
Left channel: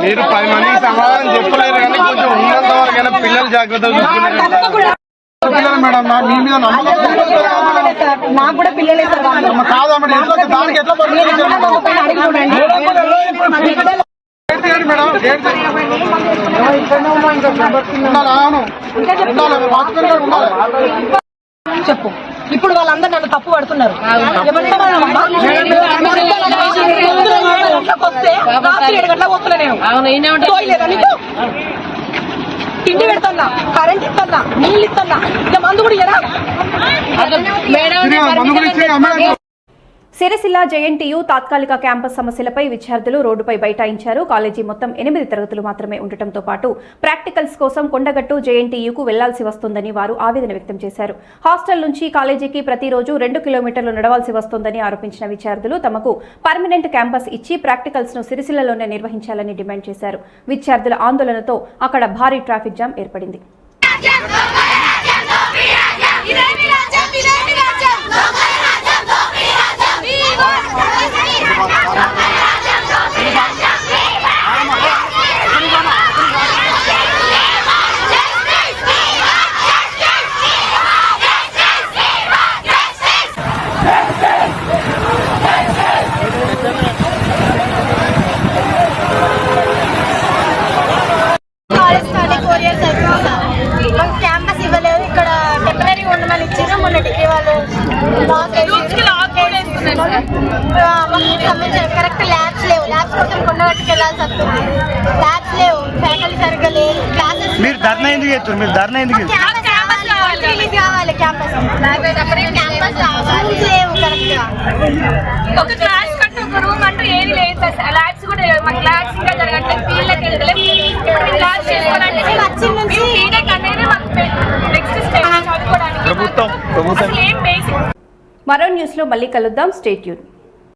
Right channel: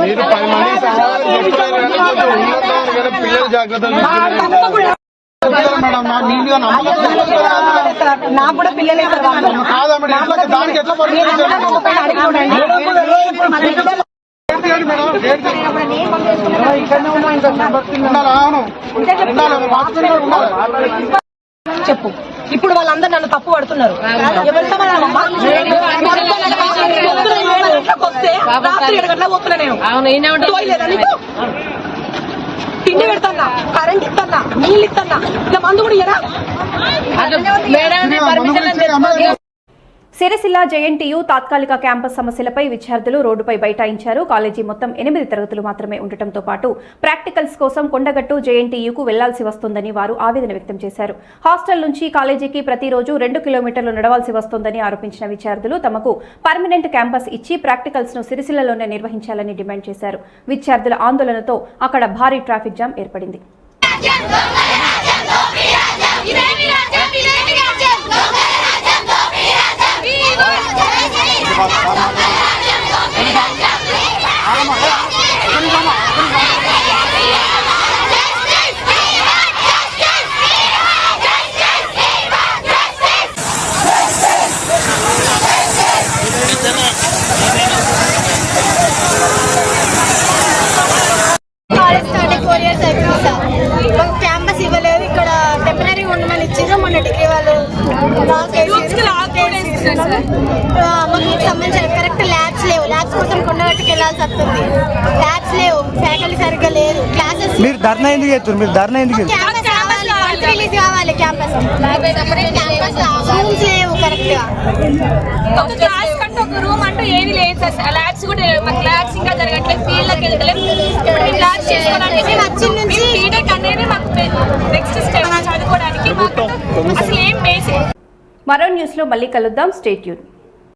మీరు పది మందికి సమాధానం చెప్పలేరు కానీ కొంచెం ఉన్నంత వరకైనా పిల్లలు జాగ్రత్తలు చూసుకున్నారు మేడం మీ మీద నమ్మకం నాకు కూడా పిల్లలే సార్ కాదా మేడం ఎట్లా దానికి ఉండాలి అవును ఉండాలి వాచ్మెన్ గారు ఉండాలి చెప్పు. ఇప్పుడు వాళ్ళందరూ నన్ను తప్పు పడుతున్నారు? తిండి పెడతాన్నా కరెంట్ ఇస్తానా నీళ్ళు ఇస్తానా ఇంకా మందు కూడా సిరసిల్ల జేఎన్టీయూ తాత్కాలిక క్యాంపస్ సమస్యలపై విద్యార్థులు రోడ్డుపై బైఠాయించారు. కాలేజీ మొత్తం ఎనిమిది తరగతులు మాత్రమే ఉండటంతో పాటు కోసం కొండగట్టు జేఎన్టీయూకు వెళ్ళాల్సి వస్తుందని వారు ఆవేదన వ్యక్తం చేశారు. హాస్టల్ నుంచి కాలేజీకి ప్రతిరోజు రెండు కిలోమీటర్లు నడవాల్సి వస్తుందని ఆరోపించిన విద్యార్థులు తమకు పర్మనెంట్ క్యాంపస్ ఇచ్చి ప్రాక్టికల్స్ను సిరిసిల్లలోనే నిర్వహించాలని డిమాండ్ చేశారు. విద్యార్థుల ఆందోళనతో అక్కడ భారీ ట్రాఫిక్ జామ్ ఏర్పడింది. కాలేజ్ స్టార్ట్ అయ్యి ఫోర్ ఇయర్స్ అయిపోయింది సార్ మాకు క్యాంపస్ ఇవ్వలేదు ఇక్కడ టెంపరీ ఉండమని ఇచ్చారు మొన్న డిగ్రీ వాళ్ళు లాక్ వేసి లాక్ వేసి ఆ, మాకు సంబంధించిన కరెక్ట్ ల్యాబ్స్ లేవు ల్యాబ్స్ కోసం కొండగట్టుకు వెళ్ళాల్సి వస్తుంది ల్యాబ్స్ లేవు ఫ్యాకల్టీ సరిగ్గా లేదు క్లాసెస్ మీరు ధర్నా ఎందుకు చేస్తారు మీరు ధర్నా ఎందుకు క్యాంపస్ రావాలి రిలీజ్ కావాలి క్యాంపస్ క్యాంపస్ రూమ్స్ లేవు కరెక్ట్గా. ఒక క్లాస్ కంటే ఒక రూమ్ అంటూ ఏది లేదు సార్. ల్యాబ్స్ కూడా లేవు. మాకు ల్యాబ్స్ ఇంకా జరగట్లేదు ఫీల్డ్కి వెళ్ళలేదు క్లాస్ చేసుకోవాలంటే మేము వచ్చిన నుంచి బీటెక్ అనేది మాకు నెక్స్ట్ స్టెప్ చదువుకోవడానికి. అసలు ఏం బేసిక్ మరో న్యూస్లో మళ్ళీ కలుద్దాం. స్టేట్యూన్